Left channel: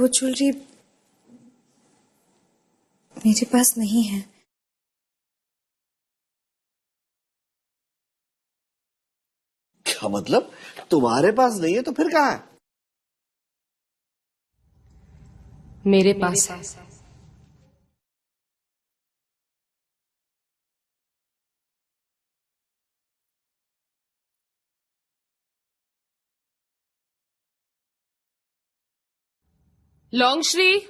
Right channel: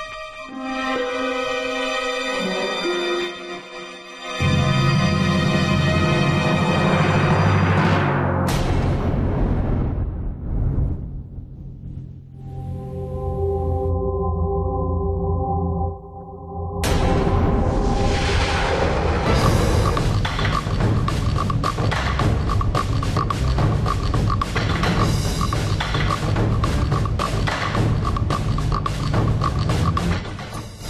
वो ज्वेलरी मेरे पास नहीं है। क्या मतलब? तुम्हारे पास नहीं है तो फिर कहाँ है? मेरे पास है। लॉन्गश्री,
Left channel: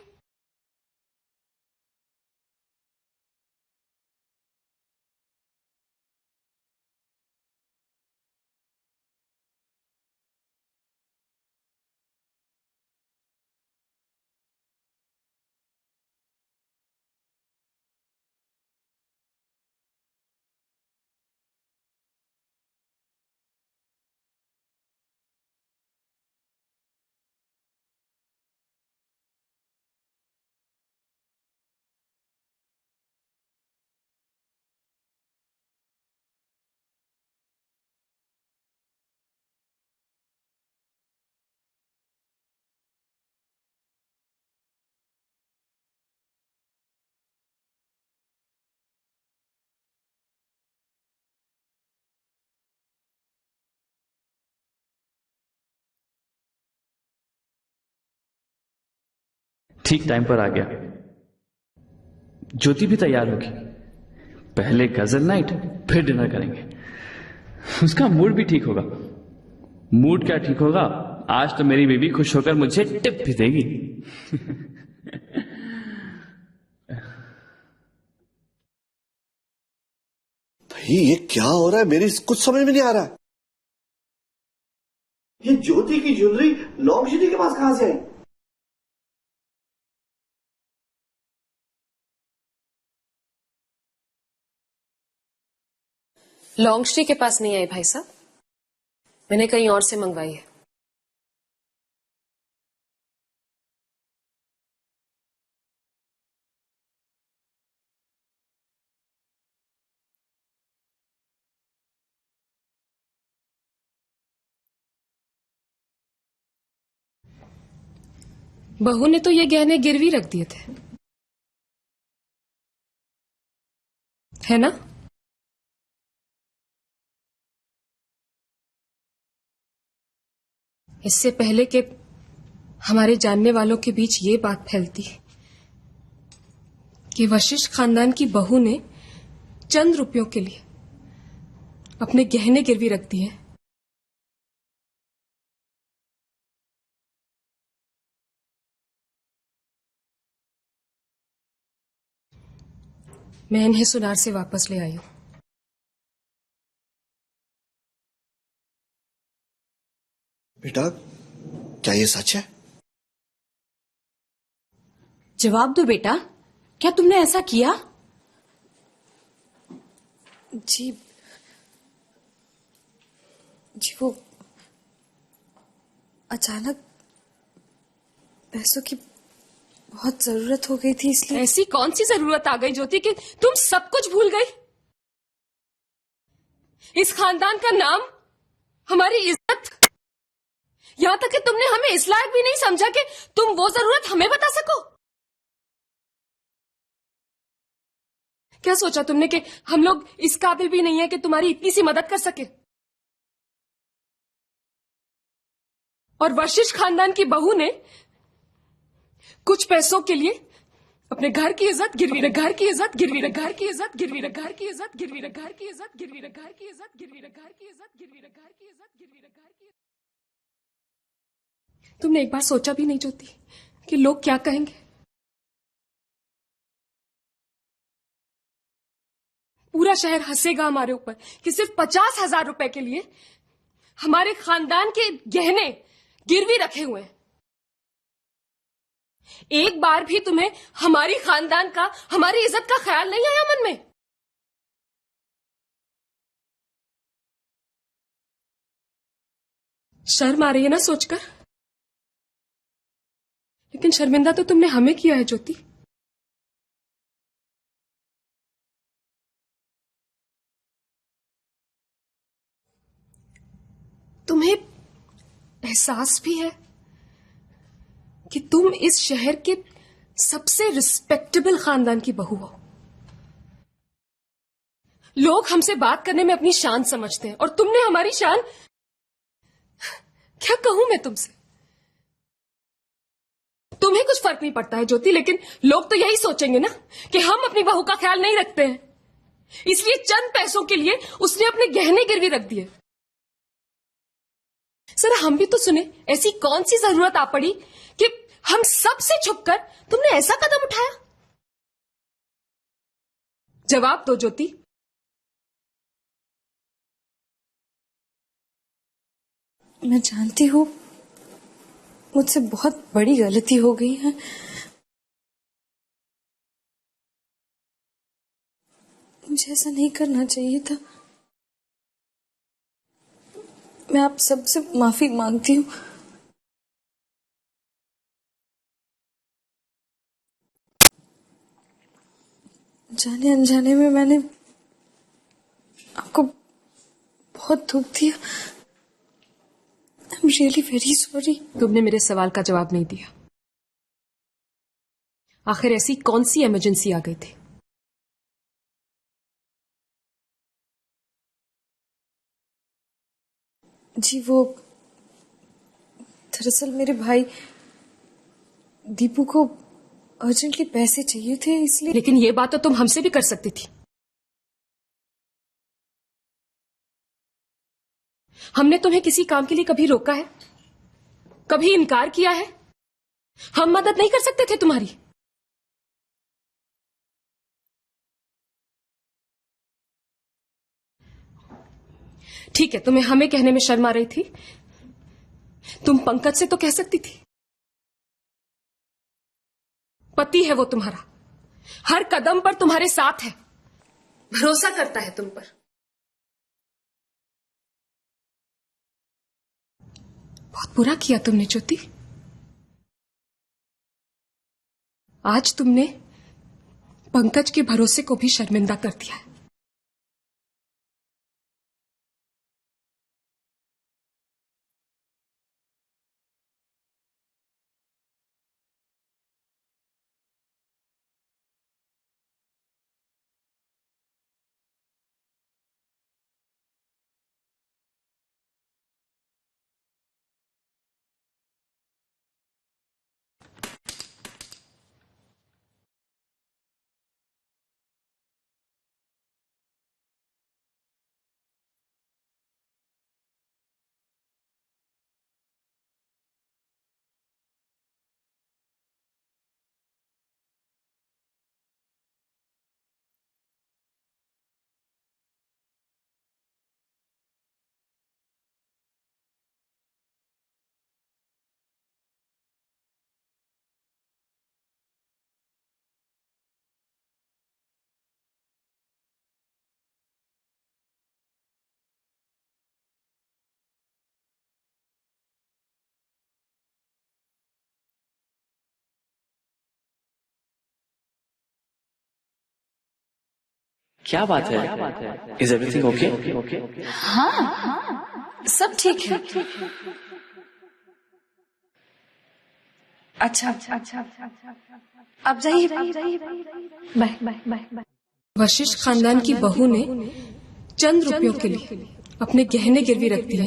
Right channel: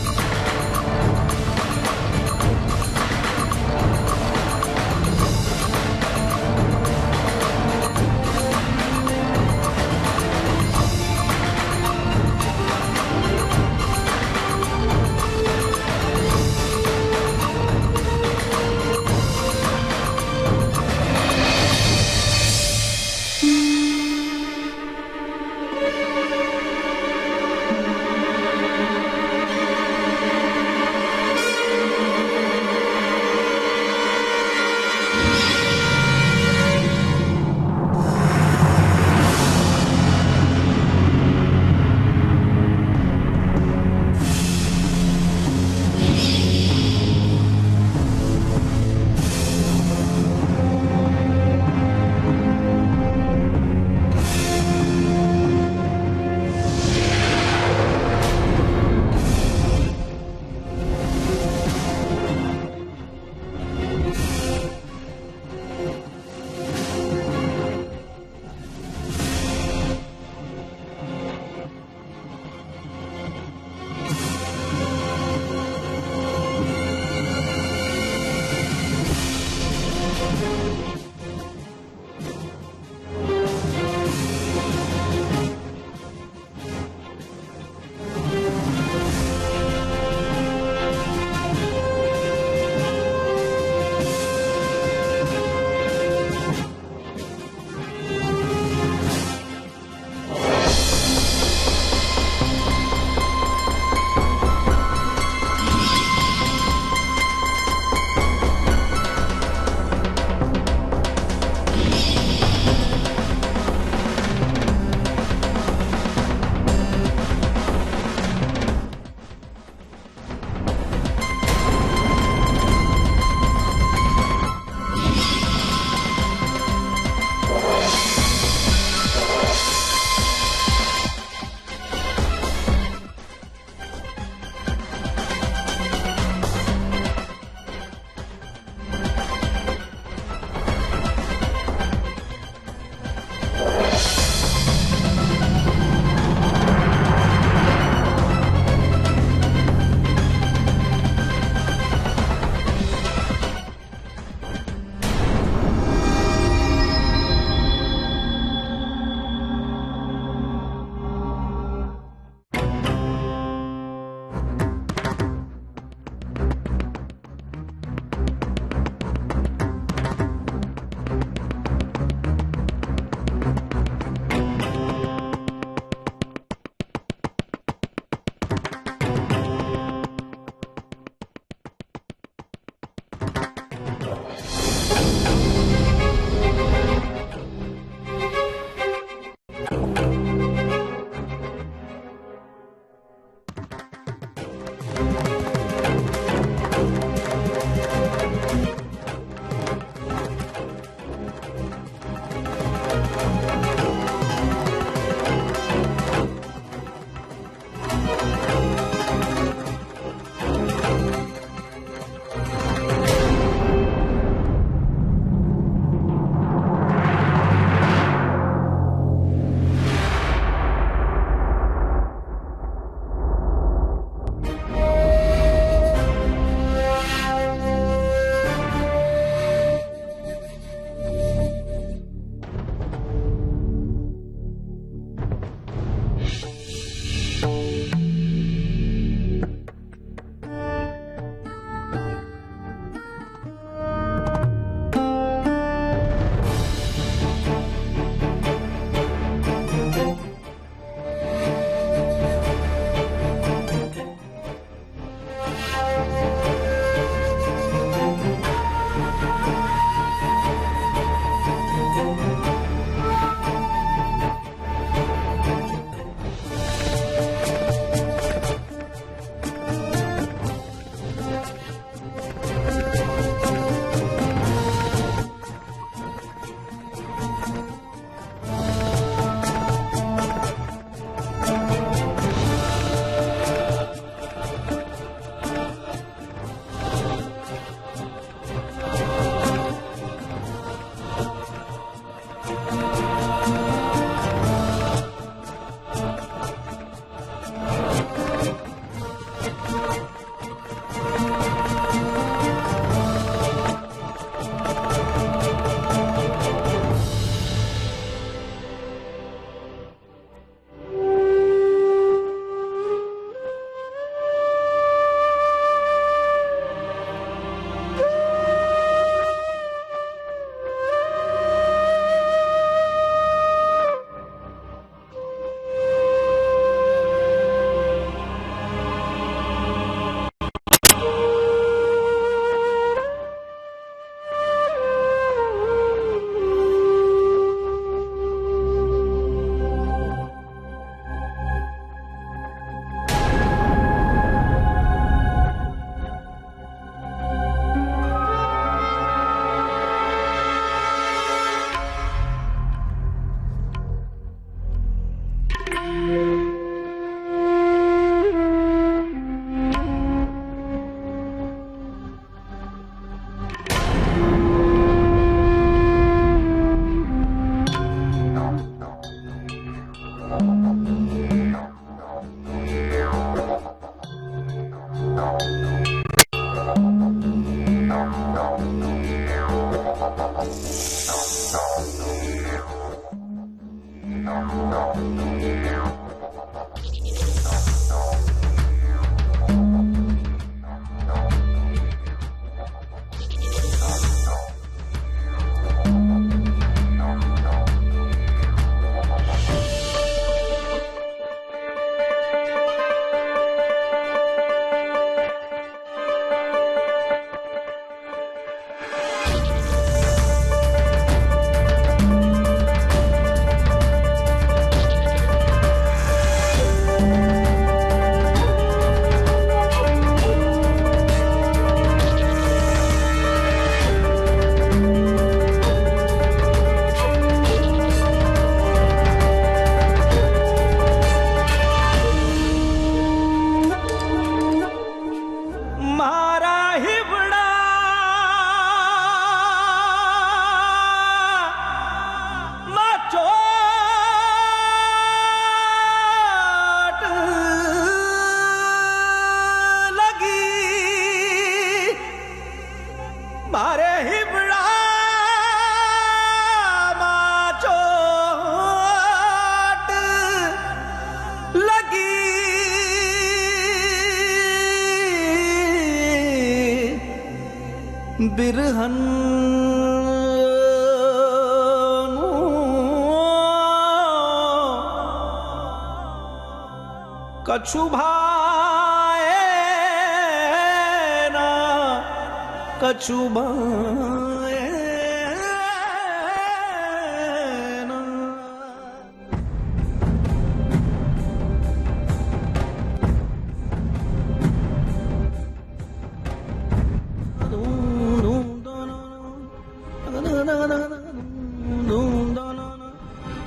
ठीक टाइम पर आ गया। ज्योति भी तैयार होगी। पहले गजल नाइट, फिर डिनर करेंगे। उसका मूड भी ठीक होगा। मूड क्या ठीक होगा, आज तो मेरी बेबी खुश होकर मुझे टिप भी देगी। ये क्या हो रहा है? मेरी कुछ समझ में नहीं आ रहा है। ये ज्योति की ज्वेलरी लॉन्गश्री के पास कहां से है? लॉन्गश्री के पास नहीं आई भाई साहब, मैंने कहीं और से मंगवाई है। बहू ने तो ये गहने गिरवी रख दिए थे, है ना? इससे पहले कि हमारे जानने वालों के बीच ये बात फैलती कि वशिष्ठ खानदान की बहू ने चंद रुपयों के लिए अपने गहने गिरवी रख दिए, मैं इन्हें सुनार से वापस ले आई। बेटा, क्या ये सच है? जवाब दो बेटा, क्या तुमने ऐसा किया? जी वो अचानक पैसों की बहुत जरूरत हो गई थी, इसलिए। ऐसी कौन सी जरूरत आ गई ज्योति कि तुम सब कुछ भूल गई? इस खानदान का नाम, हमारी इज्जत, यहाँ तक कि तुमने हमें इस लायक भी नहीं समझा कि तुम वो जरूरत हमें बता सको। क्या सोचा तुमने कि हम लोग इस काबिल भी नहीं है कि तुम्हारी इतनी सी मदद कर सके? और वशिष्ठ खानदान की बहू ने कुछ पैसों के लिए अपने घर की इज्जत गिरवी रख, घर की इज्जत गिरवी रख, घर की इज्जत गिरवी रख, घर की इज्जत गिरवी रख, घर की इज्जत गिरवी रख, घर की इज्जत। तुमने एक बार सोचा भी नहीं ज्योति कि लोग क्या कहेंगे? पूरा शहर हंसेगा हमारे ऊपर कि सिर्फ 50,000 रुपए के लिए हमारे खानदान के गहने गिरवी रखे हुए। एक बार भी तुम्हें हमारी खानदान का, हमारी इज्जत का ख्याल नहीं आया मन में? शर्म आ रही है ना सोचकर? लेकिन शर्मिंदा तो तुमने हमें किया है ज्योति। तुम्हें एहसास भी है कि तुम इस शहर के सबसे रिस्पेक्टेबल खानदान की बहू। लोग हमसे बात करने में अपनी शान समझते हैं और तुमने हमारी शान, क्या कहूं मैं तुमसे। तुम्हें कुछ फर्क नहीं पड़ता है ज्योति, लेकिन लोग तो यही सोचेंगे ना कि हम अपनी बहू का ख्याल नहीं रखते हैं, इसलिए चंद पैसों के लिए उसने अपने गहने गिरवी रख दिए। सर हम भी तो सुने, ऐसी कौन सी जरूरत आ पड़ी कि हम सबसे छुपकर तुमने ऐसा कदम उठाया? जवाब दो ज्योति। मैं जानती हूँ मुझसे बहुत बड़ी गलती हो गई है। मुझे ऐसा नहीं करना चाहिए था। मैं आप सबसे माफी मांगती हूँ। जाने अनजाने में मैंने आपको बहुत दुख दिया। I'm really very sorry। तुमने मेरे सवाल का जवाब नहीं दिया। आखिर ऐसी कौन सी इमरजेंसी आ गई थी? जी वो दरअसल मेरे भाई दीपू को अर्जेंटली पैसे चाहिए थे, इसलिए। लेकिन ये बात तो तुम हमसे भी कर सकती थी। हमने तुम्हें किसी काम के लिए कभी रोका है, कभी इनकार किया है? हम मदद नहीं कर सकते थे तुम्हारी? ठीक है, तुम्हें हमें कहने में शर्म आ रही थी। तुम पंकज से तो कह सकती थी। पति है वो तुम्हारा, हर कदम पर तुम्हारे साथ है, भरोसा करता है तुम पर। बुरा किया तुमने ज्योति। आज तुमने पंकज के भरोसे को भी शर्मिंदा कर दिया। बिरहन कछु भाए ना कछु क्या बात है? Is everything okay? हाँ सब ठीक है। अच्छा अच्छा अब जाइए। Bye bye bye. वशिष्ठ खानदान की बहू ने चंद रुपयों के लिए अपने गहने गिरवी रख दिए।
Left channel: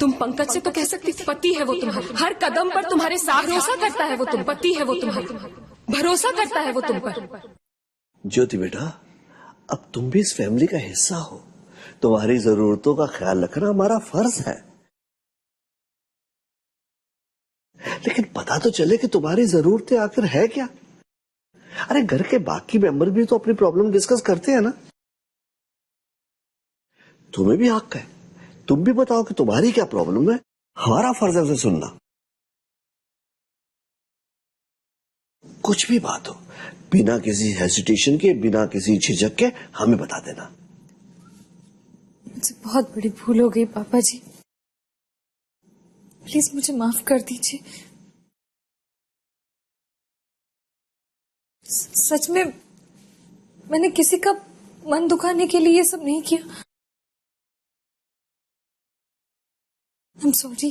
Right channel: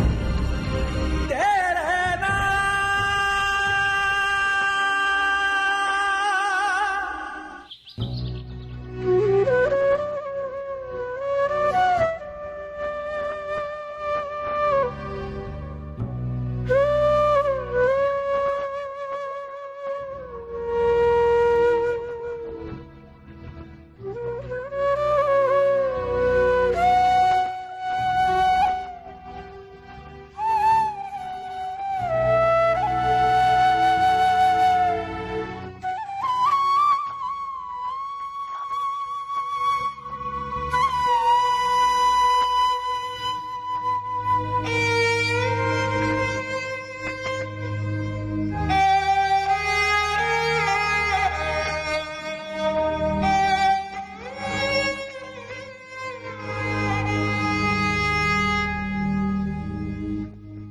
तुम पंकज से तो कह सकती थी, पति है वो तुम्हारा, हर कदम पर तुम्हारे साथ, भरोसा करता है वो तुम, पति है वो तुम्हारा, भरोसा करता है वो तुम पर। ज्योति बेटा, अब तुम भी इस फैमिली का हिस्सा हो, तुम्हारी जरूरतों का ख्याल रखना हमारा फर्ज है। लेकिन पता तो चले कि तुम्हारी जरूरतें आखिर है क्या। अरे घर के बाकी मेंबर भी तो अपनी प्रॉब्लम डिस्कस करते हैं ना। तुम्हें भी हक है, तुम भी बताओ कि तुम्हारी क्या प्रॉब्लम है। हमारा फर्ज है उसे सुनना। कुछ भी बात हो, बिना किसी हेसिटेशन के, बिना किसी झिझक के हमें बता देना। मुझसे बहुत बड़ी भूल हो गई पापा जी, प्लीज मुझे माफ कर दीजिए। सच में मैंने किसी का मन दुखाने के लिए ये सब नहीं किया। I'm sorry।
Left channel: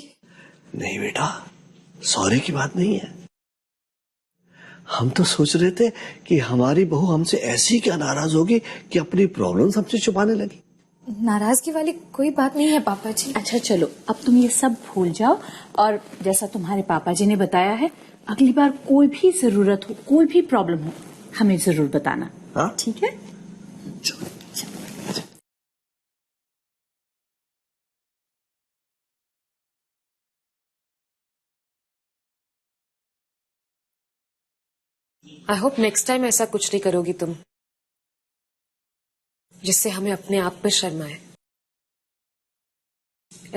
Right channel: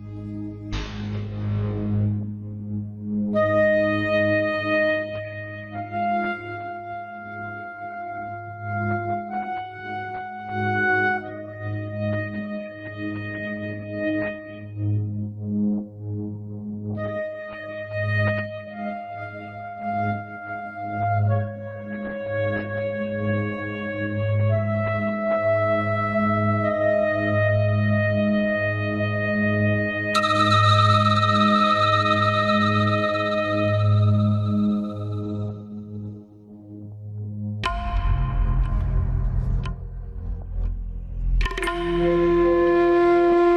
नहीं बेटा, सॉरी की बात नहीं है। हम तो सोच रहे थे कि हमारी बहू हमसे ऐसी क्या नाराज होगी कि अपनी प्रॉब्लम्स हमसे छुपाने लगी। नाराजगी वाली कोई बात नहीं है पापा जी। अच्छा चलो, अब तुम ये सब भूल जाओ और जैसा तुम्हारे पापा जी ने बताया है, अगली बार कोई भी जरूरत हो, कोई भी प्रॉब्लम हो, हमें जरूर बताना। हाँ? ठीक है? आई होप नेक्स्ट टाइम ऐसा कुछ नहीं करोगी तुम जिससे हमें अपने आप पे शर्म आए,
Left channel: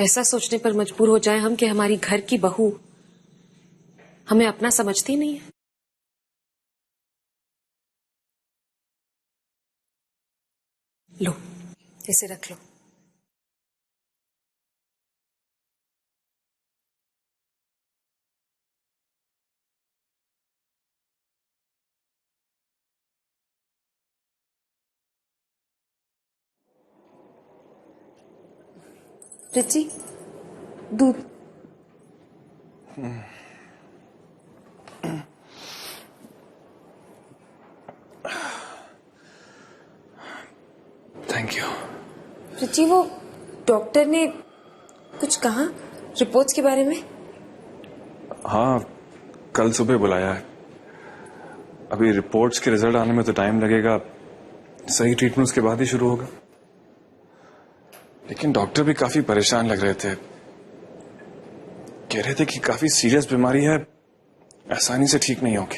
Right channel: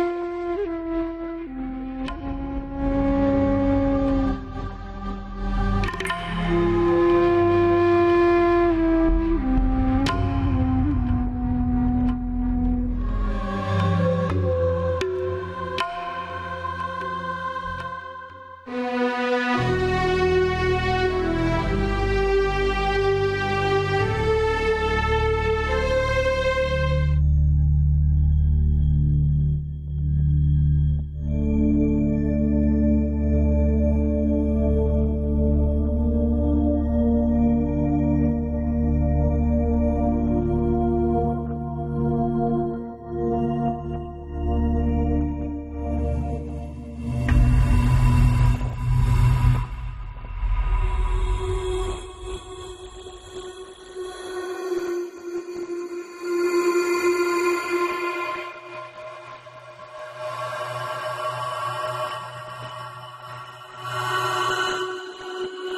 ऐसा सोचने पर मजबूर हो जाए हम कि हमारी घर की बहू हमें अपना समझती नहीं है। लो, इसे रख लो। रिची, दूध। Thank you. रिची, वो डॉक्टर ने कुछ कहा रिपोर्ट्स के बारे में? हाँ, कल सुबह बुलाया है। अभी रिपोर्ट्स के रिजल्ट आने में तो टाइम लगेगा, सही ट्रीटमेंट उसके बाद ही शुरू होगा। लेकिन डॉक्टर भी काफी परेशान लग रहे थे, कह रहे थे कि काफी सीरियस बीमारी है, आसानी से ठीक नहीं होगी।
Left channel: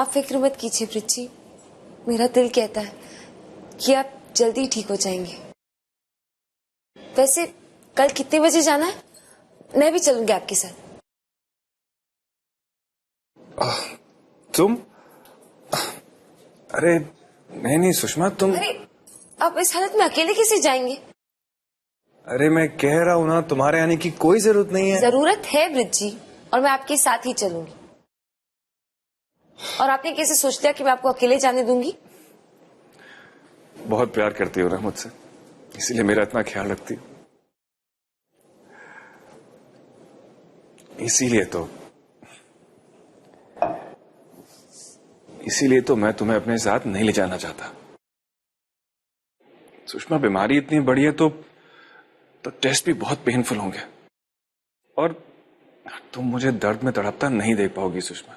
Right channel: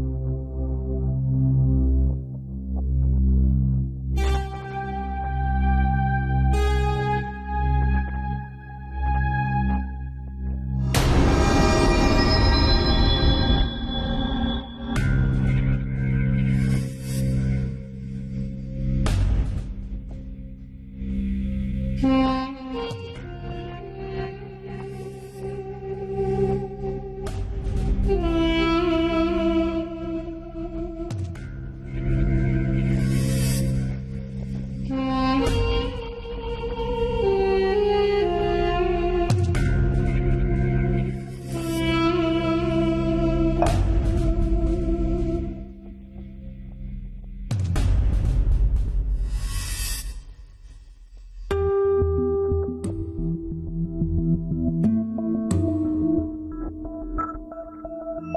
आप फिक्र मत कीजिए रिची, मेरा दिल कहता है कि आप जल्दी ठीक हो जाएंगे। वैसे कल कितने बजे जाना है? मैं भी चलूंगी आपके साथ। तुम? अरे नहीं सुषमा, तुम। अरे आप इस हालत में अकेले कैसे जाएंगे? अरे मैं कह रहा हूँ ना, तुम्हारे आने की कोई जरूरत नहीं है। जरूरत है ब्रिज जी, और मैं आपके साथ ही चलूंगी। और आपने कैसे सोच लिया कि मैं आपको अकेले जाने दूंगी? बहुत प्यार करती हो ना मुझसे, इसलिए मेरा इतना ख्याल रखती। इसीलिए तो मैं तुम्हें अपने साथ नहीं ले जाना चाहता। सुषमा, बीमारी इतनी बड़ी है तो टेस्ट भी बहुत पेनफुल होंगे, और तुम मुझे दर्द में तड़पता नहीं देख पाओगी सुषमा।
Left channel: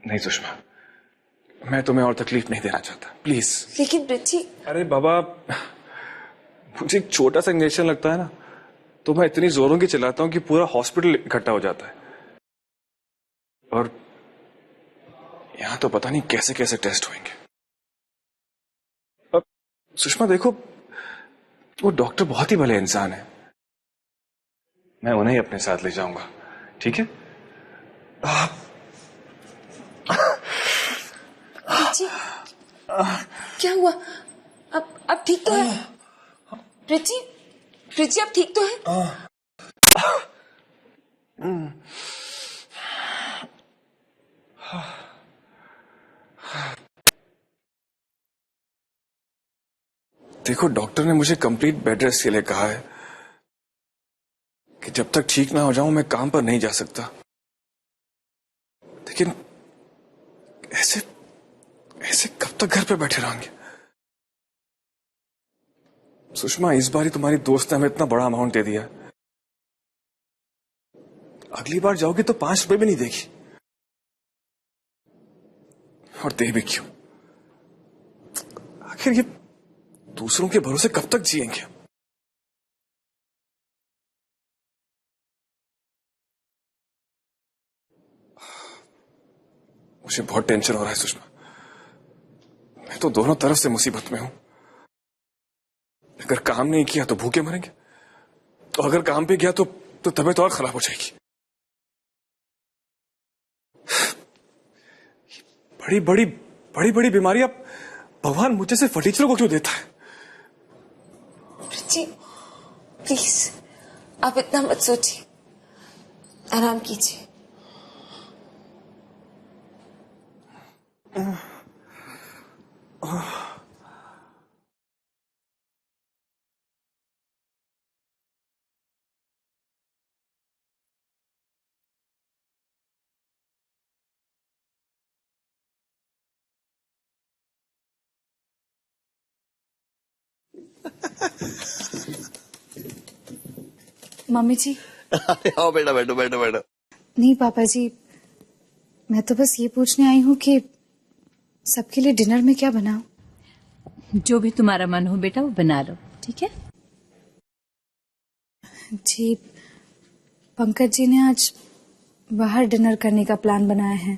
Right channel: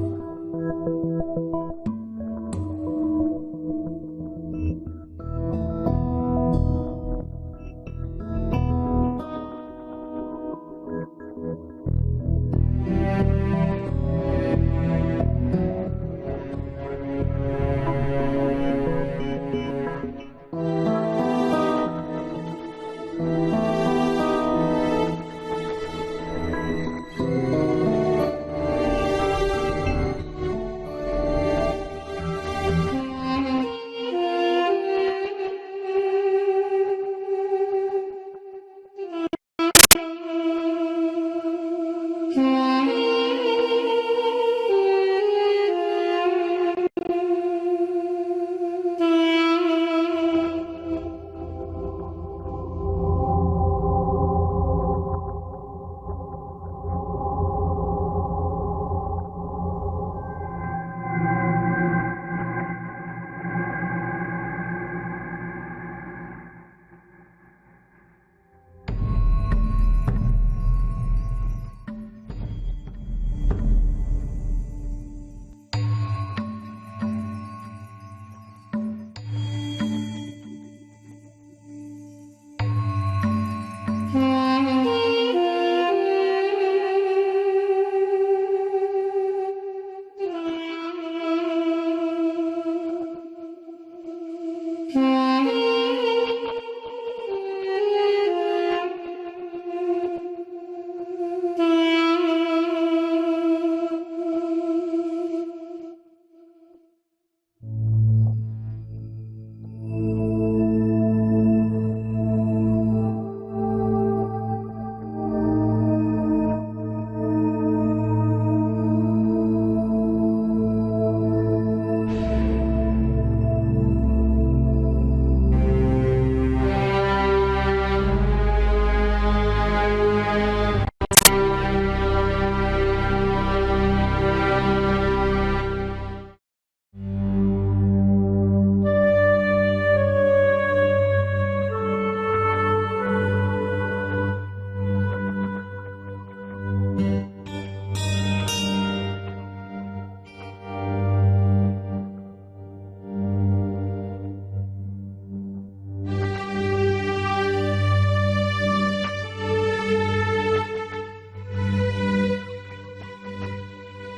नहीं सुषमा, मैं तुम्हें और तकलीफ नहीं देना चाहता, प्लीज। लेकिन ब्रिजी। अरे बाबा, मुझे एक छोटा सा इंजेक्शन लगता है ना, तो मैं इतनी जोरों की चलाता हूँ कि पूरा हॉस्पिटल इकट्ठा हो जाता है। और यहाँ तो पता नहीं कैसे कैसे टेस्ट होंगे। अब सुषमा देखो, वो डॉक्टर बहुत ही भले इंसान है, मैं उन्हें ही अपने साथ ले जाऊंगा, ठीक है? क्या हुआ? अब ठीक तो है? रिची, रिची अब ठीक तो है? देखो, डॉक्टर ने मुझे कंप्लीट बेड रेस्ट के लिए कहा है कि जब तक ठीक ना हो जाऊं मैं काम पर नहीं जा सकता। लेकिन ऐसे ऐसे कब तक घर पे बैठे रहेंगे? सुषमा, इस बार ही तुम्हारी दोस्त ने हमें इतना बड़ा अमाउंट दे दिया, अगली बार जाओगी तो 5 रुपए भी नहीं देगी। और दे भी क्यों? आखिर ये दूसरों के भरोसे कब तक जिएंगे? मुझे बहुत टेंशन हो रहा है सुषमा, मैं तो दोनों तरफ से मुसीबत में हूं। अगर काम नहीं किया तो भूखे मरेंगे, और अगर काम पे गया तो तबीयत और खराब हो जाएगी। बड़ी बड़ी बीमारियां भगवान मुझे से फटीचरों को क्यों देता है? रिची, प्लीज आप इतना मत सोचिए, आराम कीजिए। मम्मी जी। आओ बेटा, बैठो बैठो बैठो। नहीं पापा जी, मैं तो बस ये पूछने आई हूँ कि सबके लिए डिनर में क्या बनाऊं? जो भी तुम्हारा मन हो बेटा वो बना लो, ठीक है? जी, पंकज जी ने आज बाहर डिनर करने का प्लान बनाया है।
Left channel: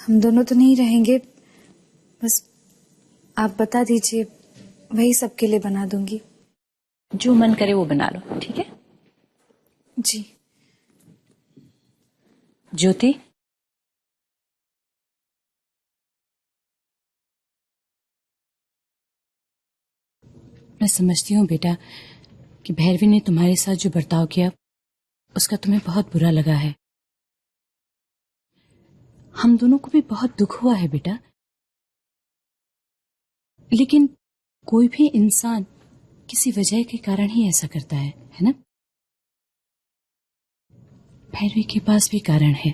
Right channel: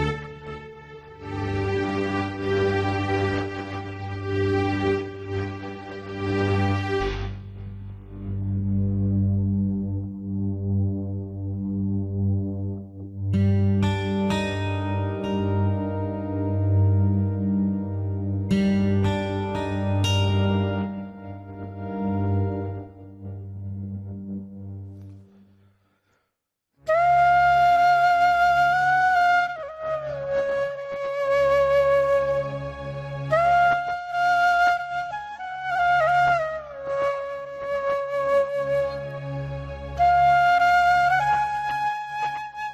हम दोनों तो नहीं रहेंगे, बस आप बता दीजिए, वही सबके लिए बना दूंगी। जो मन करे वो बना लो, ठीक है? जी। ज्योति, मैं समझती हूँ बेटा कि भैरवी ने तुम्हारे साथ जो बर्ताव किया उसका तुम्हें बहुत बुरा लगा है। हम दोनों को भी बहुत दुख हुआ है बेटा, लेकिन कोई भी इंसान किसी वजह के कारण ही ऐसा करता है ना? भैरवी के पास भी कारण है।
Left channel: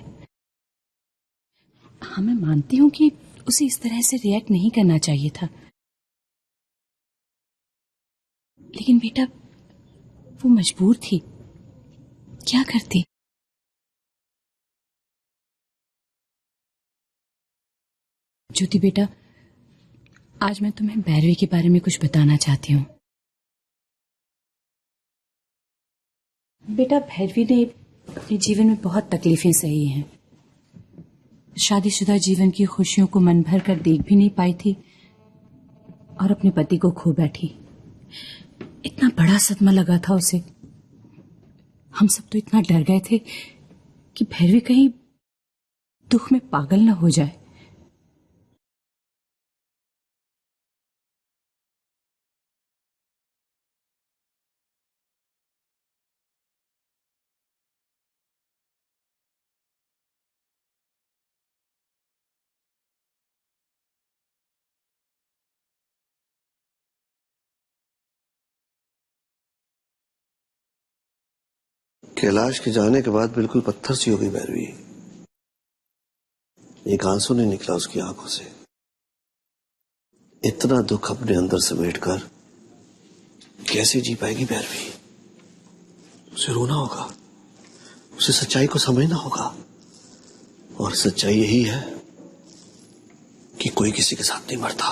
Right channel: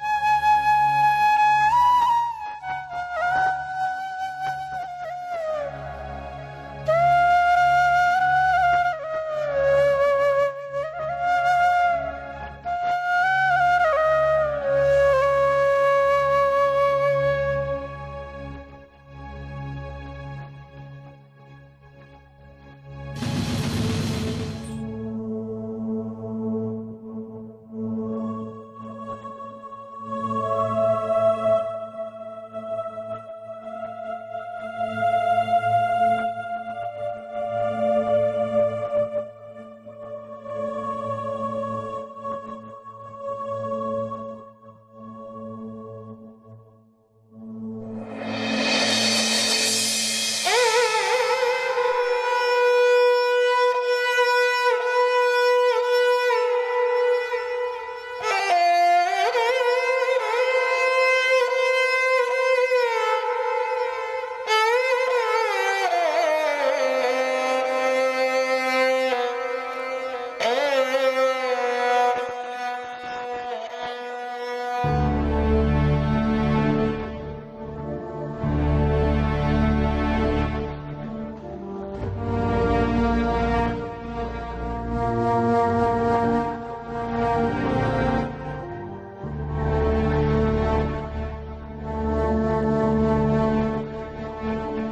हाँ, मैं मानती हूँ कि उसे इस तरह से रिएक्ट नहीं करना चाहिए था, लेकिन बेटा वो मजबूर थी, क्या करती? ज्योति बेटा, आज मैं तुम्हें भैरवी के बारे में कुछ बताना चाहती हूँ। बेटा, भैरवी ने अपने जीवन में बहुत तकलीफें सही हैं। शादीशुदा जीवन की खुशियों को मन भर कर देख भी नहीं पाई थी और अपने पति को खो बैठी। इतना बड़ा सदमा लगा था उसे। हम सब तो इतना डर गए थे कि भैरवी कहीं दुख में पागल न हो जाए। कैलाश के जाने के बाद बिल्कुल पत्थर सी हो गई भैरवी। एक आंसू नहीं निकला उसकी आंखों से। इतना दुख अपने अंदर समेटकर कैसे जी पाएगी भैरवी? उसे रोना होगा, उसे सच्चाई को समझना होगा, और सच्चाई यही है कि कोई किसी के साथ नहीं मरता।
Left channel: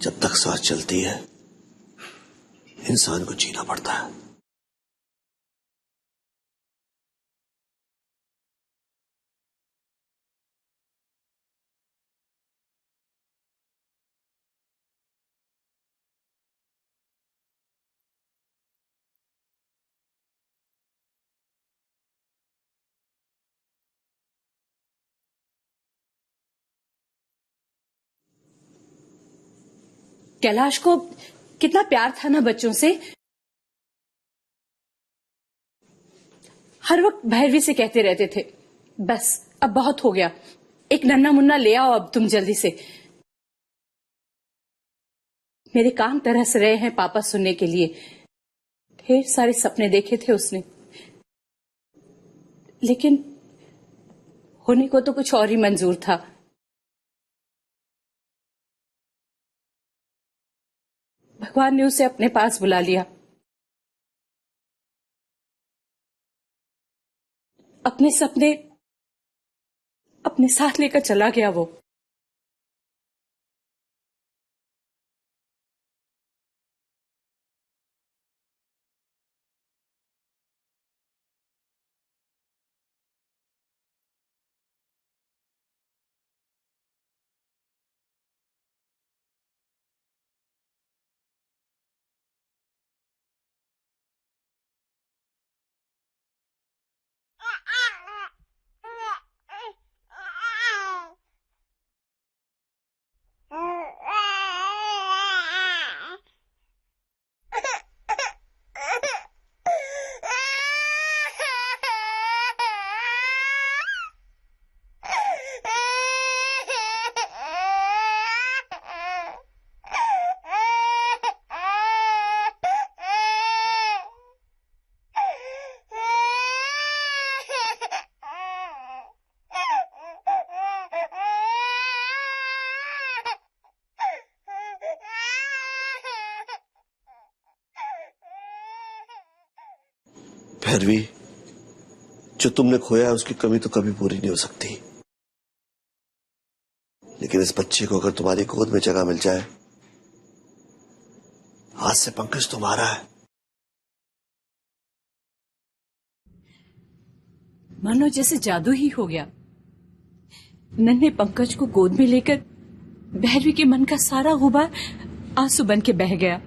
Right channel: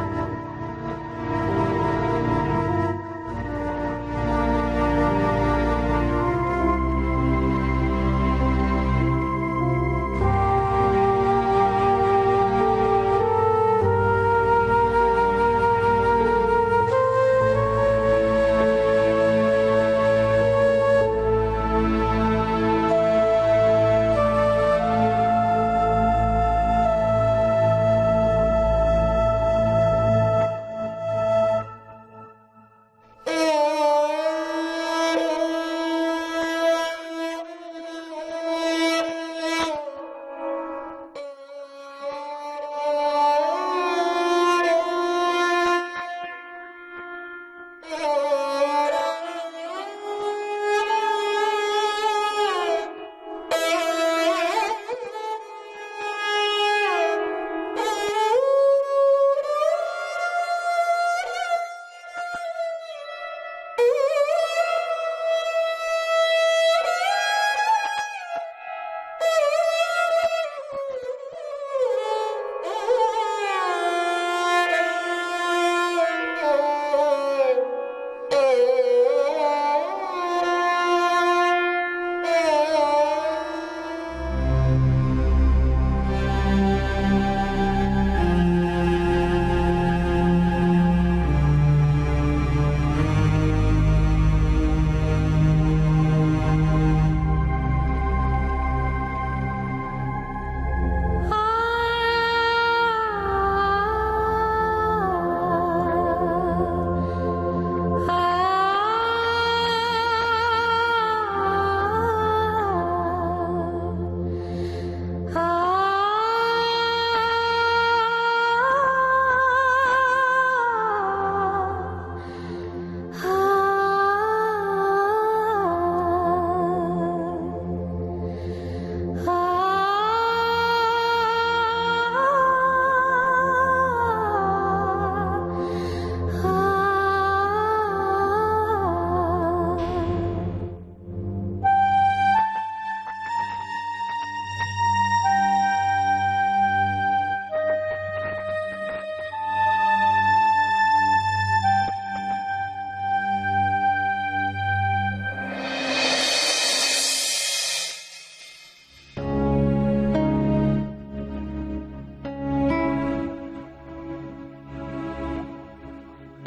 जब तक सांस चलती है इंसान को जीना पड़ता है। कैलाश को कितना प्यार था ना बच्चों से। हर वक्त भैरवी से कहते रहते थे, बस अब बहुत हो गया, एक नन्ना मुन्ना ले आओ अब तुम जल्दी से। मेरे कान तरस रहे हैं पापा सुनने के लिए। ढेर सारे सपने देखे थे उसने, लेकिन उन्हीं को तो कुछ और ही मंजूर था। भगवान ने उसे अपने पास बुला लिया, अपने सपने अपने साथ लेकर चला गया वो। भैरवी, जो तुमने खोया है उसकी कमी तो कभी पूरी नहीं हो सकती, लेकिन इस बच्चे को अगर तुम्हारी गोद में जगह मिल जाए, आज से पंकज तुम्हारा है। मानो जैसे जादू ही हो गया। नन्हे पंकज को गोद में लेकर भैरवी के मन का सारा गुबार आंसू बन के बह गया।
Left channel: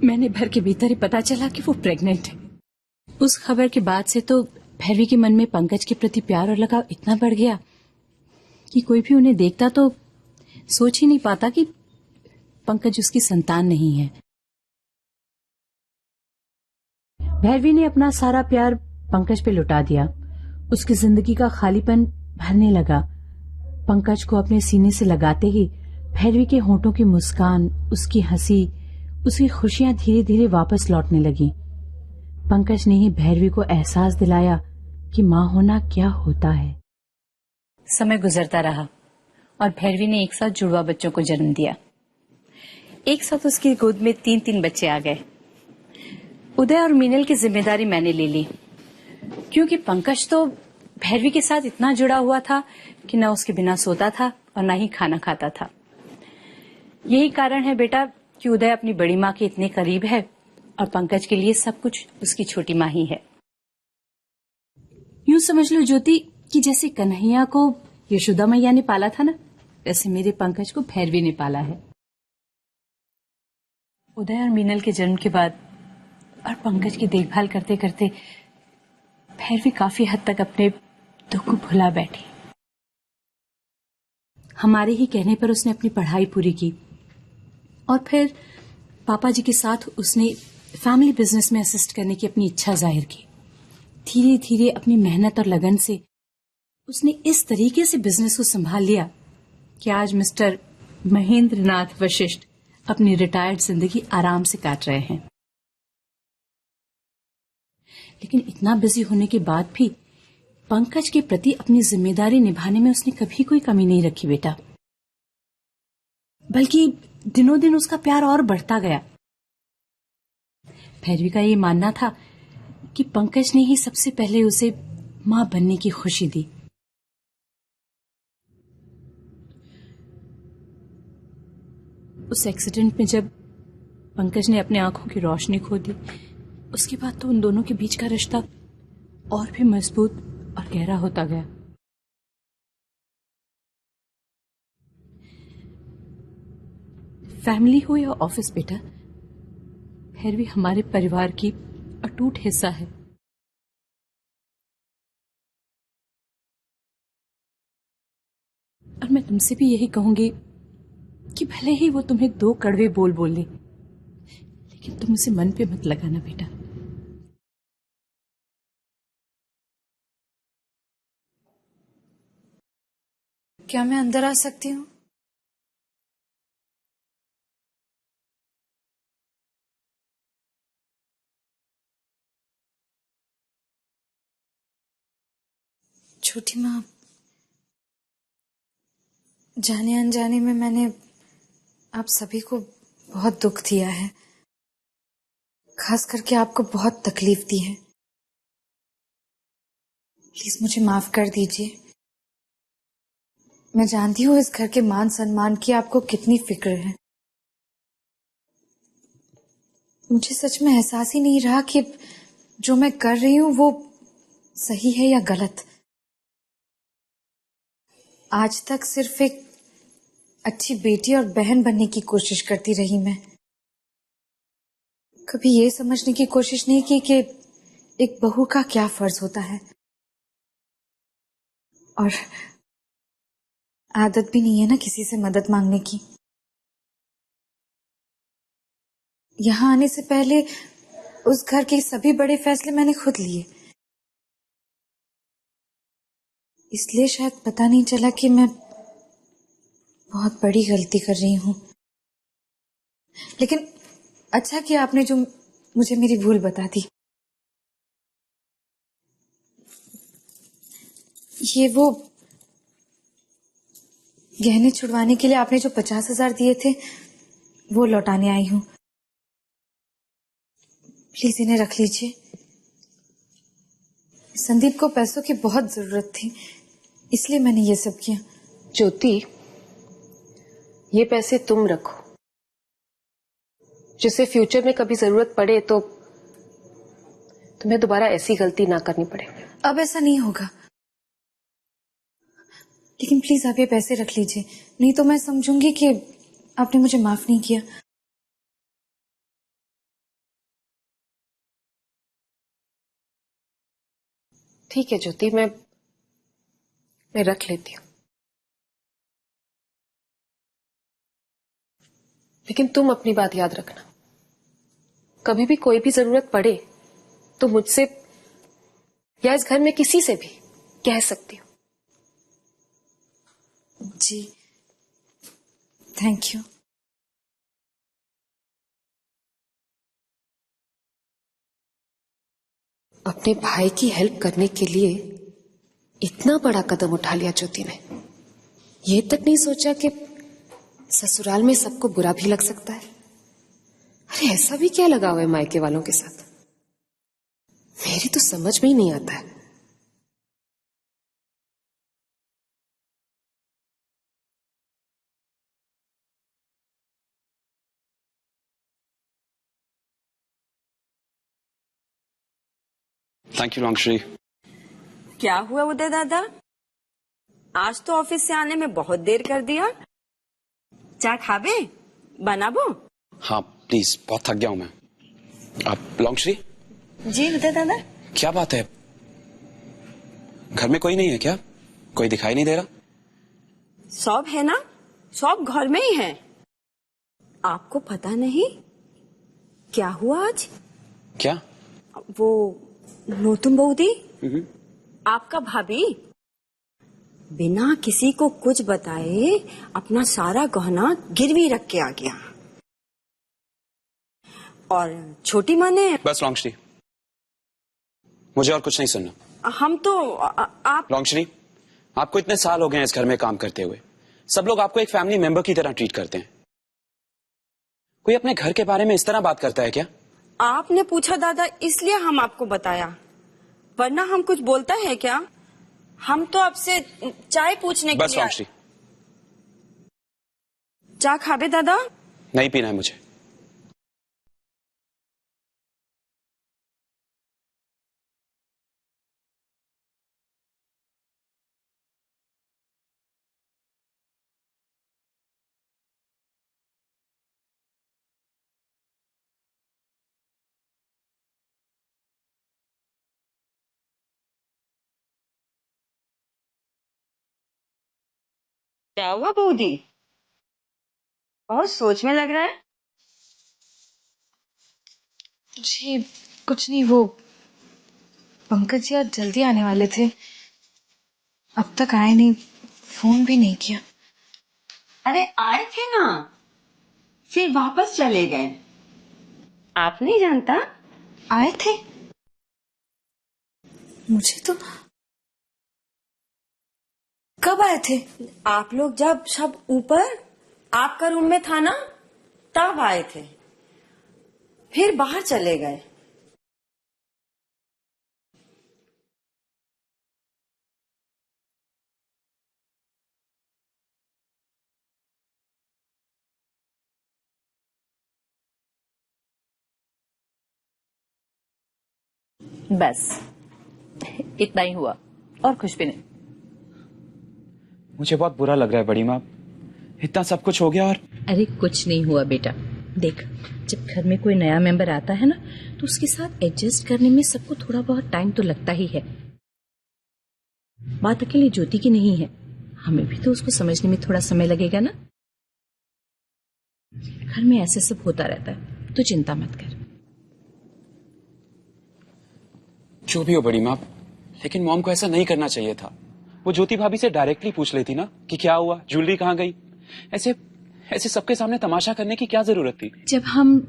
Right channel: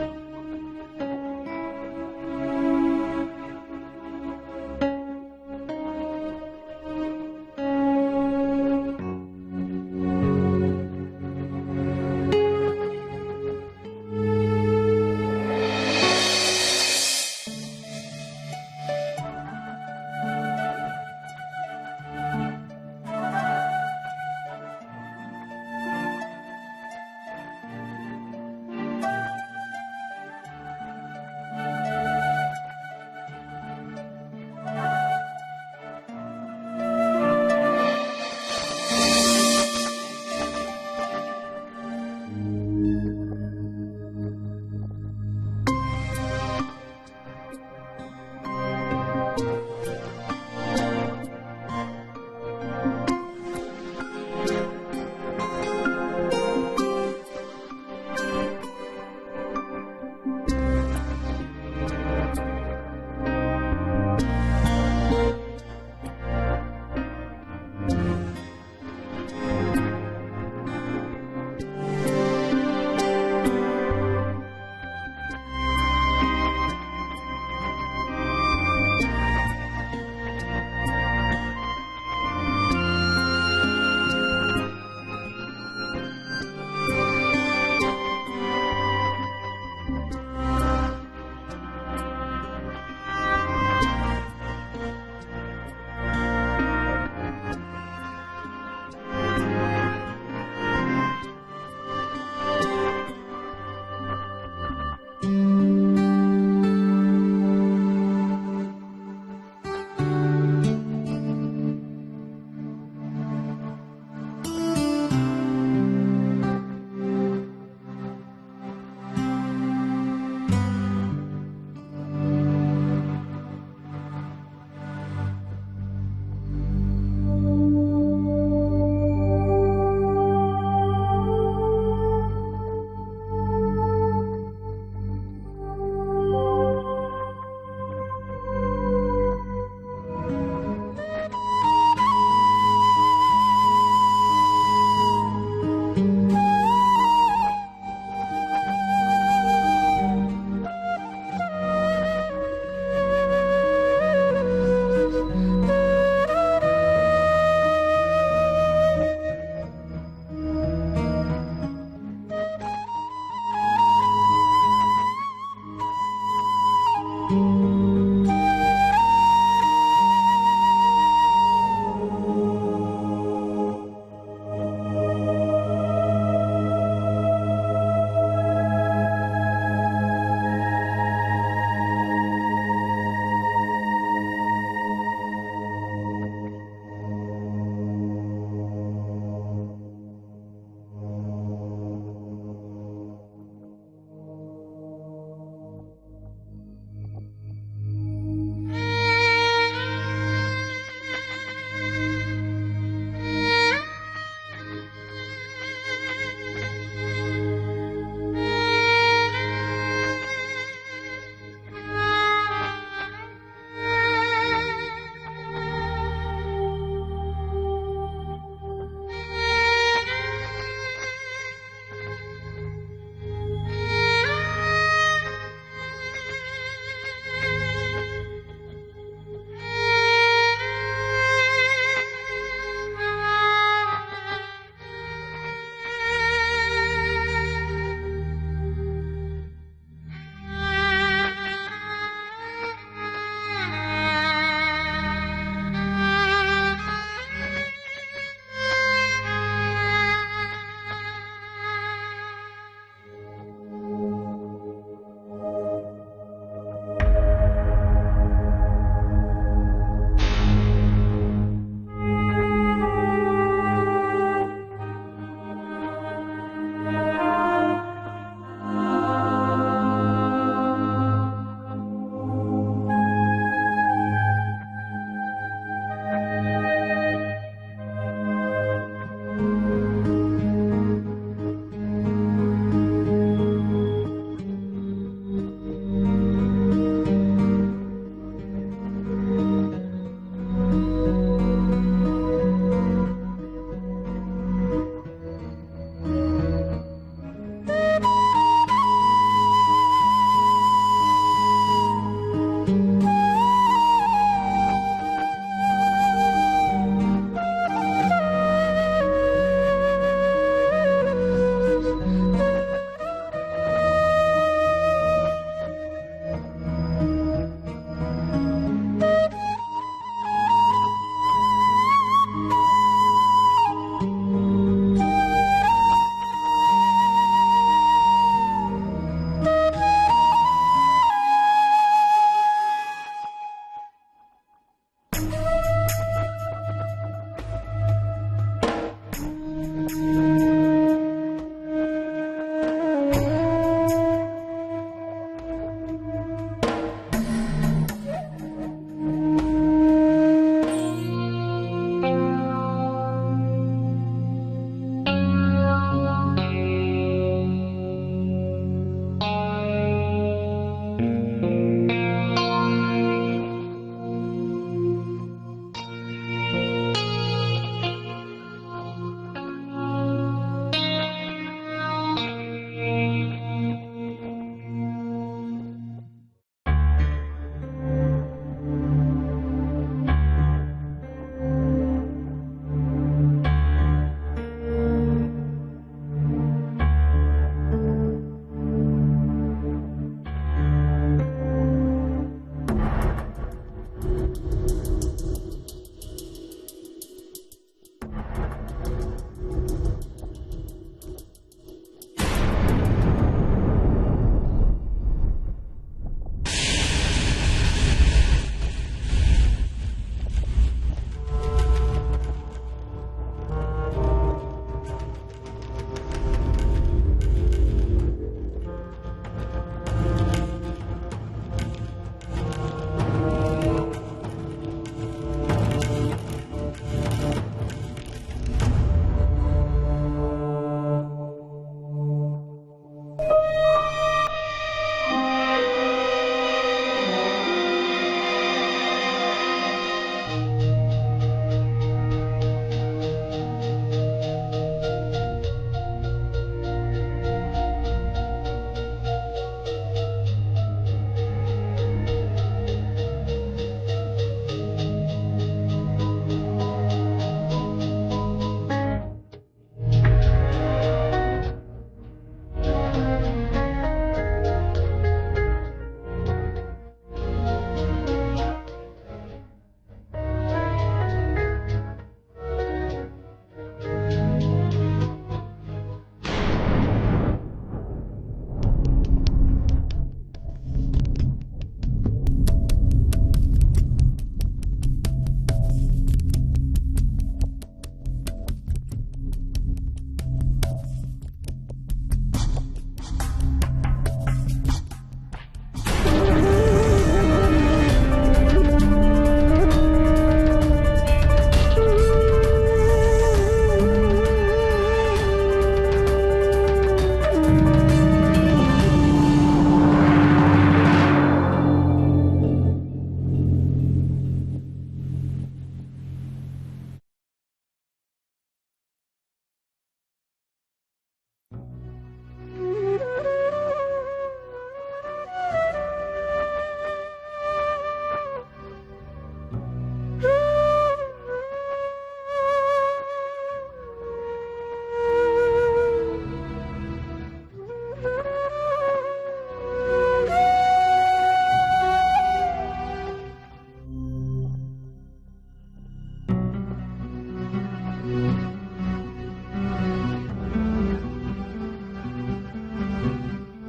मैंने भर के भीतर ही पता चला कि वो प्रेग्नेंट है। उस खबर के बाद से तो भैरवी के मन में पंकज के प्रति प्यार और लगाव इतना बढ़ गया कि कोई भी उन्हें देखता तो सोच ही नहीं पाता कि पंकज उसकी संतान नहीं है। भैरवी ने अपना सारा प्यार पंकज पे लुटा दिया। उसकी जिंदगी का खालीपन भरने लगा। पंकज को अपने सीने से लगाते ही भैरवी के होंठों की मुस्कान, उसकी हंसी, उसकी खुशियां धीरे धीरे वापस लौटने लगी। पंकज ने ही भैरवी को एहसास दिलाया कि माँ होना क्या होता है। समय गुजरता रहा और भैरवी ने एक साथ जुड़वा बच्चों को जन्म दिया। एक साथ उसकी गोद में 3-3 बच्चे आ गए। उदय और मीनल की जिम्मेदारी मैंने ले ली, क्योंकि पंकज तो भैरवी के साथ इतना जुड़ा हुआ था कि न उसके बिना सोता था और न ही खाना खाता था। यही कारण है बेटा कि उदय अपनी बड़ी माँ के इतने करीब है और पंकज के लिए सब कुछ उसकी छोटी माँ ही है। यूं समझ लो ज्योति कि जैसे कन्हैया को यशोदा मैया ने पाला था ना, वैसे मेरे पंकज को भैरवी ने पाला है। उदय और मीनल के जन्म के बाद और पंकज की देखभाल करते करते भैरवी काफी हद तक अपने दुख को भुला बैठी। हमारे ही कहने पर उसने अपनी पढ़ाई पूरी की और फिर पापा जी के साथ उसने फैमिली बिजनेस में असिस्ट करने की अपनी इच्छा जाहिर की। धीरे धीरे अपनी मेहनत और लगन से उसने इस तरीके से बिजनेस को संभाल लिया कि आज मिस्टर महेंद्र नाथ वशिष्ठ अपनी रिटायर्ड जिंदगी आराम से काट रहे हैं। लेकिन इतना बिजी होने के बाद भी पंकज के प्रति अपनी जिम्मेदारी निभाने में उसने कभी कोई कमी नहीं रखी बेटा, बल्कि दिनों दिन उसका प्यार और बढ़ता गया। भैरवी का ये मानना था कि पंकज ने ही सबसे पहले उसे मां बनने की खुशी दी। उस एक्सीडेंट में जब पंकज ने अपने आंखों की रोशनी खो दी, उसके बाद तो उन दोनों के बीच का रिश्ता और भी मजबूत और गहरा होता गया। फैमिली हो या ऑफिस बेटा, भैरवी हमारे परिवार की अटूट हिस्सा है। और मैं तुमसे भी यही कहूंगी कि भले ही वो तुम्हें 2 कड़वे बोल बोले, कि तुम उसे मन पे मत लगाना बेटा। क्या मैं अंदर आ सकती हूँ? छोटी माँ, जाने अनजाने में मैंने आप सभी को बहुत दुख दिया है, खास करके आपको बहुत तकलीफ दी है। प्लीज मुझे माफ कर दीजिए। मैं जानती हूँ इस घर के मान सम्मान की आपको कितनी फिक्र है। मुझे सच में एहसास ही नहीं रहा कि जो मैं कर रही हूँ वो सही है या गलत। आज तक सिर्फ एक अच्छी बेटी और बहन बनने की कोशिश करती रही मैं। कभी ये समझने की कोशिश नहीं की कि एक बहू का क्या फर्ज होता है, और आदत भी नहीं है ना किसी से मदद मांगने की। यहाँ आने से पहले उस घर के सभी बड़े फैसले मैंने खुद लिए, इसलिए शायद पता नहीं चला कि मैं बहुत बड़ी गलती कर रही हूँ। लेकिन अच्छा किया आपने जो मुझे मेरी भूल बता दी। ये वो गहने छुड़वाने के लिए आपने जो 50,000 दिए थे वो लौटाने आई हूँ। प्लीज इन्हें रख लीजिए। संदीप को पैसों की बहुत जरूरत थी, इसलिए मैंने ये सब किया। ज्योति, ये पैसे तुम रखो, जिससे फ्यूचर में कभी जरूरत पड़े तो तुम्हें दोबारा ऐसी गलती ना करनी पड़े। अब ऐसा नहीं होगा, लेकिन प्लीज आप ये पैसे रख लीजिए, नहीं तो मैं समझूंगी कि आपने मुझे माफ नहीं किया। ठीक है ज्योति, मैं रख लेती हूँ, लेकिन तुम अपनी बात याद रखना, कभी भी कोई भी जरूरत पड़े तो मुझसे या इस घर में किसी से भी कह सकती हो। जी, थैंक यू। अपने भाई की हेल्प करने के लिए इतना बड़ा कदम उठा लिया ज्योति ने। ये तक नहीं सोचा कि ससुराल में सबको बुरा भी लग सकता है। अरे ऐसा भी क्या लगा हुआ है मायके वालों के साथ, मेरी तो समझ में ही नहीं आता है। Thank you Longshri. क्या हुआ उदय दादा, आज तो ऑफिस से आने में बहुत देर कर दिया। चाय खावे बनाबो? हाँ प्लीज, बहुत थक गया हूँ मैं। आप लॉन्गश्री? जी उदय दादा। क्या बात है, घर में कोई नहीं है क्या? कोई दिखाई नहीं दे रहा? सब है ना, सब घर में ही है। आपको पता नहीं क्या हुआ आज? क्या? वो नूतन बहू थी, आपका भाभी, बिना किसी को कुछ बताए अपना सारा गहना गिरवी रख के आ गया। और छोटी माँ ने... बस लॉन्गश्री, मुझे और कुछ नहीं सुनना। हम तो आप... लॉन्गश्री, आपको इतने साल हो गए हैं इस घर में काम करते हुए, सब लोग आपको एक फैमिली मेंबर की तरह ट्रीट करते हैं। कोई अपने घर के बारे में इस तरह बात करता है क्या? आपने पूछा दादा, इसलिए हम आपको बताया, वरना हम कुछ बोलता है क्या? हम तो आपसे चाय पूछने के लिए... बस लॉन्गश्री, चाय खावे दादा? नहीं पीना है मुझे। क्या हुआ बूदी, बहुत सोच में लग रहा है। जी कुछ नहीं, वो पंकज जी आज जल्दी आने वाले थे, अब तक आए नहीं, फोन भी नहीं किया। अरे आए थे ना, फिर वापस चले गए। आप नहीं जानता? आए थे? मुझे तो... कब आए थे? आप लोग जब सब ऊपर आपका रूम में था ना, तब आए थे, फिर बाहर चले गए। बस इतना ही हुआ और कुछ भी नहीं। मुझे बहुत बुरा लग रहा है बड़ी माँ, इतना सब कुछ हो गया और... अरे कुछ नहीं हुआ बेटा, देख जब घर में कोई नया मेंबर आता है ना तो उसके साथ एडजस्ट करने में सबको थोड़ा बहुत टाइम तो लगता ही है। बात अकेली ज्योति की नहीं है, हमें भी तो उसको समझने में थोड़ा समय लगेगा ना। घर में ऐसे सब होता रहता है, तो चिंता मत कर। जो भी हो बड़ी माँ, लेकिन मॉम को ऐसा नहीं करना चाहिए था। वो ज्योति भाभी से डायरेक्टली पूछ लेती ना कि क्या हुआ, ज्वेलरी कहाँ गई। ऐसे सबके सामने तमाशा करने की क्या जरूरत थी? जब हम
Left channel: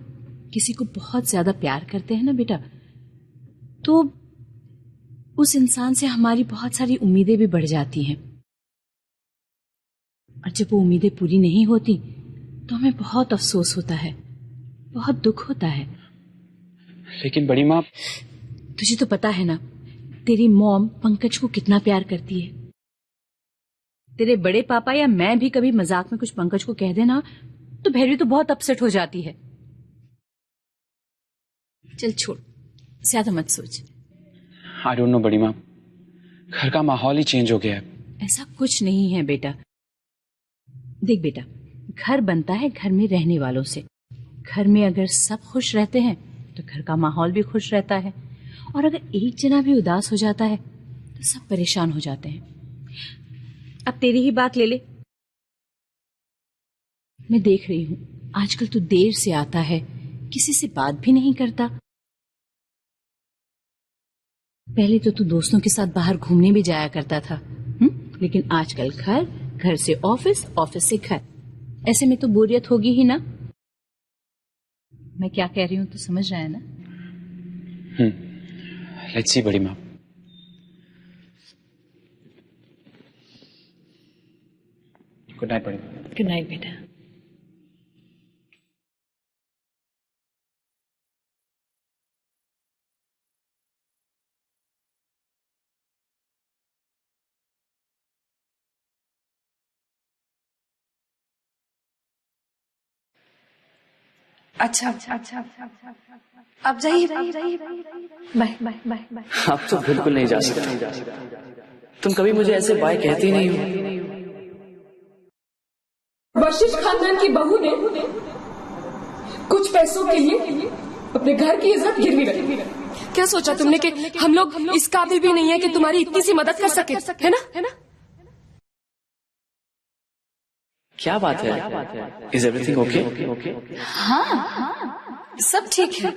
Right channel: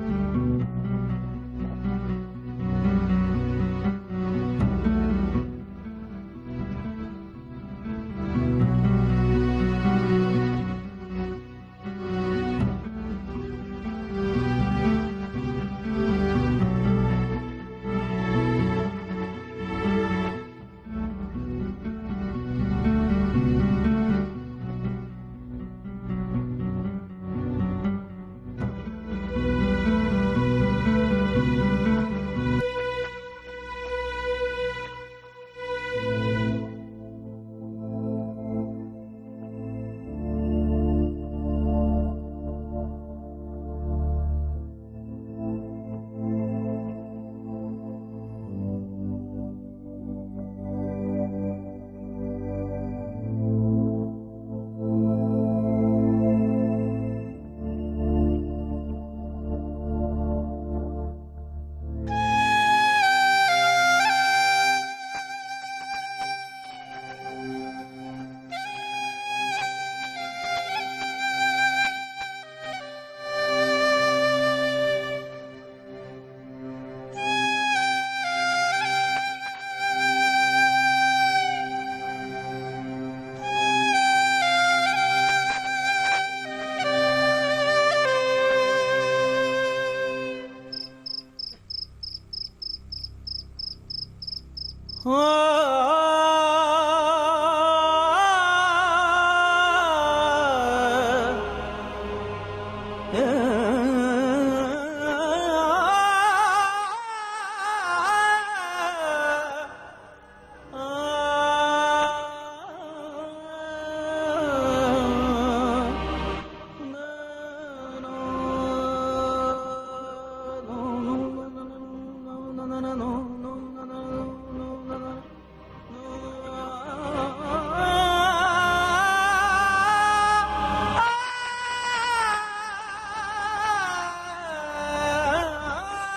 किसी को बहुत ज्यादा प्यार करते हैं ना बेटा, तो उस इंसान से हमारी बहुत सारी उम्मीदें भी बढ़ जाती हैं। और जब वो उम्मीदें पूरी नहीं होती तो हमें बहुत अफसोस होता है, बहुत दुख होता है। लेकिन बड़ी माँ... तुझे तो पता है ना, तेरी मॉम पंकज को कितना प्यार करती है। तेरे बड़े पापा या मैं भी कभी मजाक में कुछ पंकज को कह देना तो भैरवी तो बहुत अपसेट हो जाती है। चल छोड़, ज्यादा मत सोच। आई डोंट नो बड़ी माँ, घर का माहौल ही चेंज हो गया है। ऐसा कुछ नहीं है बेटा। देख बेटा, घर बनता है घर में रहने वालों से। घर में अगर सब खुश रहते हैं तो घर का माहौल भी खुश रहता है, और अगर एक जना भी उदास हो जाता है तो सब परेशान हो जाते हैं। अब तेरी ही बात ले ले। मैं देख रही हूँ आजकल तू देर से आता है, किसी से बात भी नहीं करता। पहले तो तू दोस्तों के साथ बाहर घूमने भी जाया करता था, लेकिन आजकल घर, घर से ऑफिस, ऑफिस से घर। ऐसे में तो बोरियत होगी ही ना। मैं क्या कह रही हूँ तो समझ रहा है ना? लेट्स सी बड़ी माँ। गुड नाइट बड़ी माँ। गुड नाइट बेटा। अच्छा आप जाइए, बाय बाय बाय। आप तो बिल्कुल नहीं जा सकते। तुम कभी मुझे ऐसे बाय कहती नहीं हो। वर्षिश खानदान की बहू ने कुछ पैसों के लिए अपने घर की इज्जत गिरवी रखी। क्या सोचा तुमने कि हम लोग इस काबिल भी नहीं है कि तुम्हारी इतनी सी मदद कर सके, है ना? क्या बात है? Is everything okay? हाँ सब ठीक है।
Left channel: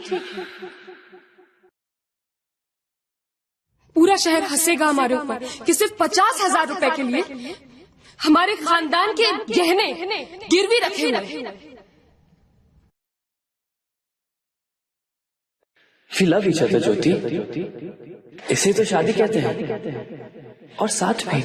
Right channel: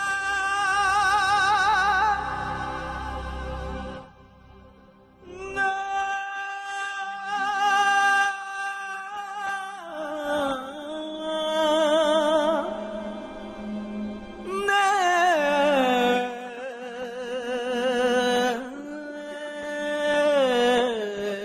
पूरा शहर हंसेगा हमारे ऊपर कि सिर्फ 50,000 रुपए के लिए हमारे खानदान के गहने गिरवी रखे हुए। वी लव ईच अदर ज्योति, इसे तो शादी कहते हैं। और साथ में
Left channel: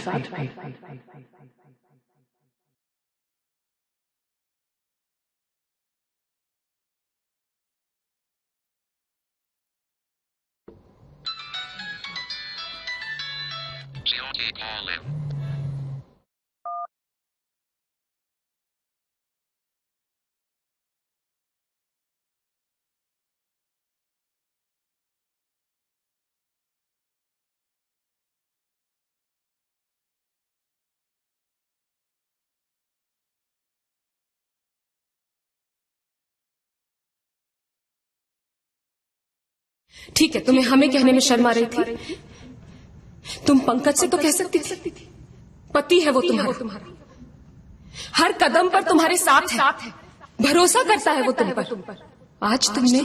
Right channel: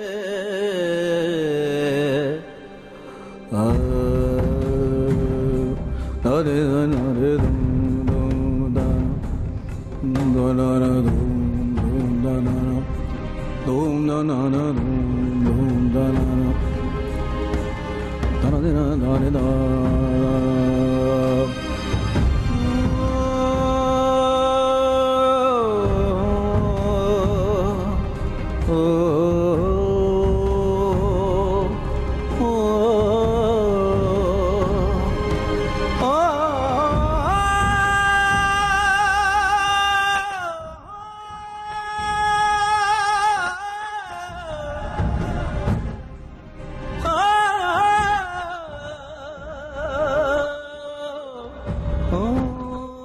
ठीक है, तुम्हें हमें कहने में शर्म आ रही थी। तुम पंकज से तो कह सकती थी, पति है वो तुम्हारा, हर कदम पर तुम्हारे साथ है, भरोसा करता है वो तुम पर। आज तुमने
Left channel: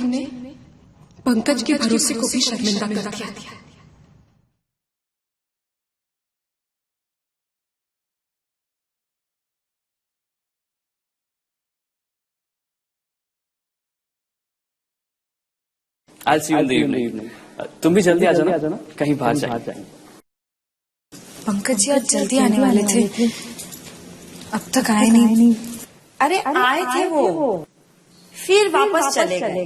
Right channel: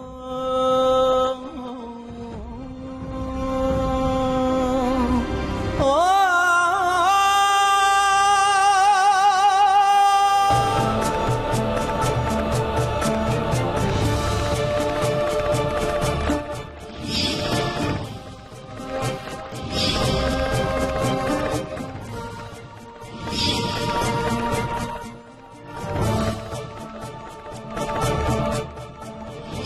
पंकज के भरोसे को भी शर्मिंदा कर दिया। I'll see you in the evening. तुम भी जल्दी आ जाना, कहीं बाहर जाए। पंकज जी आज जल्दी आने वाले थे, अब तक आए नहीं। अरे आए थे वो, फिर वापस चले गए।